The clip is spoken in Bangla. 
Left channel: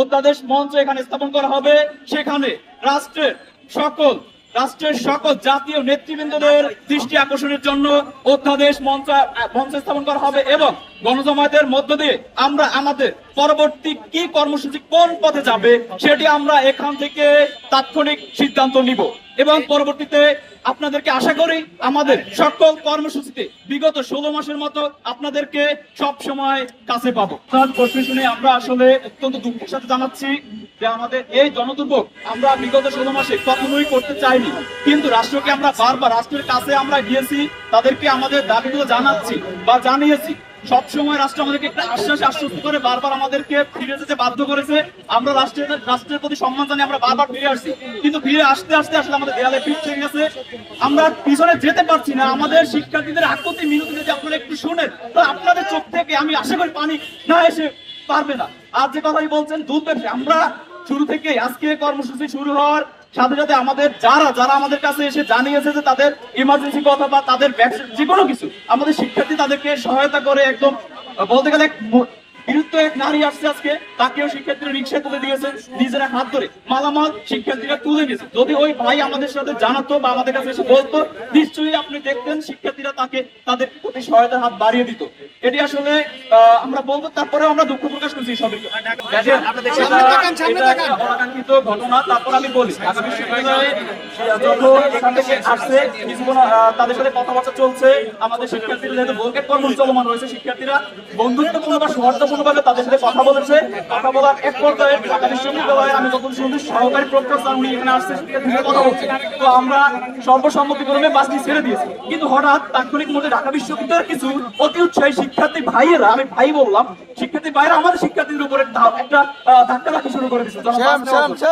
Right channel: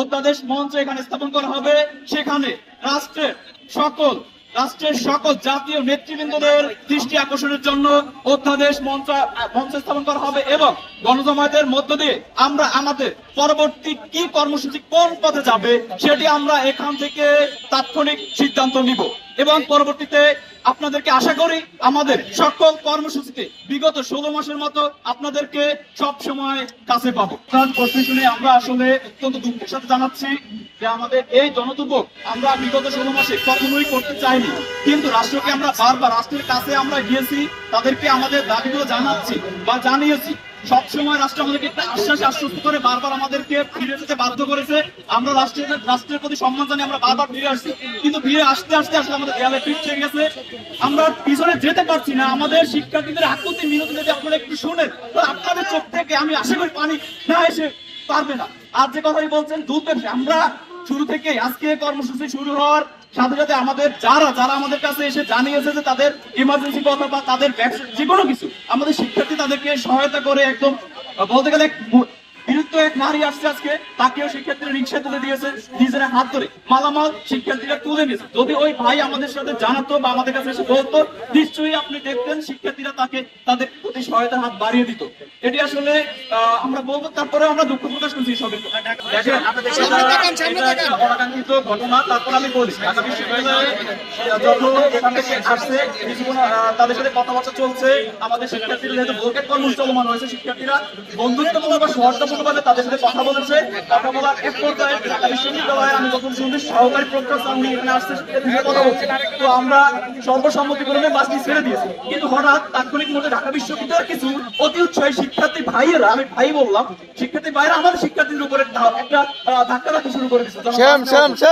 অধ্যাদেশ মঞ্চ এখানে স্থাপন করা হবে। সেখানে রাষ্ট্রের সকল জাতীয় নেতৃবৃন্দদের দৃষ্টি আকর্ষণের জন্য অধ্যাদেশ মঞ্চ স্থাপন করা হবে এবং গণজমায়েতের মধ্য দিয়ে আমরা আমাদের পরবর্তী কি কর্মসূচি কোন পথে যাবে সেটি আমরা এখান থেকে তাৎক্ষণিক সিদ্ধান্ত নিব এবং পরবর্তীতে আপনাদেরকে আশা করি আমাদের সকল কর্মসূচিতে বিগত 16 মাসের মতো আপনাদেরকে সব সময় কাছে পাবো। শুনে আমরা আসলে অত্যন্ত দুঃখের সাথে জানাচ্ছি যে আমাদের এই জনদুর্ভোগ আমরা বিগত 16 মাসে কখনোই করতে চাইনি, কিন্তু রাষ্ট্রকে আমরা বারবার রাষ্ট্রের কাছে আমরা গিয়েছি, তাদেরকে আমাদের দাবিগুলো জানাচ্ছি বা জানিয়েছি। সবসময় রাষ্ট্র আমাদেরকে একটা আশ্বস্ত করে বারবার আমাদেরকে ফিরে যেতে বাধ্য করেছে। আমরা রাষ্ট্রের প্রতি সম্মান জানিয়ে আমরা বারবার ফিরে আসছি, কিন্তু ফিরে আসতে আসলে আমাদের দেয়ালে পিঠ থেকে গেছে। আমরা পিছনে যেতে পারছি না। আমাদের শিক্ষার্থীদের আকুতি মিনতি যদি আপনারা একটু শুনেন, তো আপনাদের চোখ থেকে আমি আশা করি পানি না এসে পারবে না। আর যে কথাই বলছেন দুধ ব্যবসা, আমরা শুরু থেকে আজকে কর্মসূচি শুরু হওয়ার সাথে সাথে আমাদের যারা আমাদের কাছে এসে জানিয়েছে যে তাদের ইমার্জেন্সি কথা বা তাদের যে কোনো কিছু, আমাদের শিক্ষার্থী তাদেরকে সহায়তা করে একদম বলতে গেলে বিরুদ্ধ এক নারী আসছে আজকে, তাকেও শিক্ষার্থীরা রিক্সা তুলে দিয়েছে, নিজেরা হাত ধরে মালামাল শিক্ষার্থীরা তুলে নিয়েছে। যদি ওই ভাই আমাদের সাথে জানাতো বা আমাদের কাছে এসে বলতো, নিশ্চয়ই আপনি দেখতেন শিক্ষার্থীরা তাদের প্রতি সহায়তার হাত বাড়িয়ে দিত। এটি আসলে আমরা বলবো। তারপরে আমরা দুঃখ প্রকাশ করছি সবাই অনাকাঙ্ক্ষিত ঘটনা। তারপর আমি বলি ঢাকা বিশ্ববিদ্যালয়ে আসছে তাদের সাথে কথাবার্তা চলছে। আমাদের শিক্ষার্থীরা যেহেতু বলকে কর্ম চলমান রয়েছে, শিক্ষার্থীরা বন্ধুত্বপূর্ণ বা সহযোগিতাপূর্ণভাবে তাদের সাথে কথা বলেছে। কথা বলার এক পর্যায়ে ঢাকা বিশ্ববিদ্যালয়ে আমি যখন শুনছি সহকারী প্রফেসর উনি এখানে আসছে, শিক্ষার্থীদের কথা বলছে, তো আমরা সর্বসম্মতিক্রমে বাসটি ছেড়ে দিয়েছি। কিন্তু হঠাৎ তাৎক্ষণিক মধ্যে ঢাকা বিশ্ববিদ্যালয়ের কিছু অতি উৎসাহী শিক্ষার্থী ভাইয়েরা, আমি ভাই বললাম, শিক্ষার্থী ভাইয়েরা আমাদের শিক্ষার্থীদের উপরে একটা ধাক্কা শুরু করে দিচ্ছে।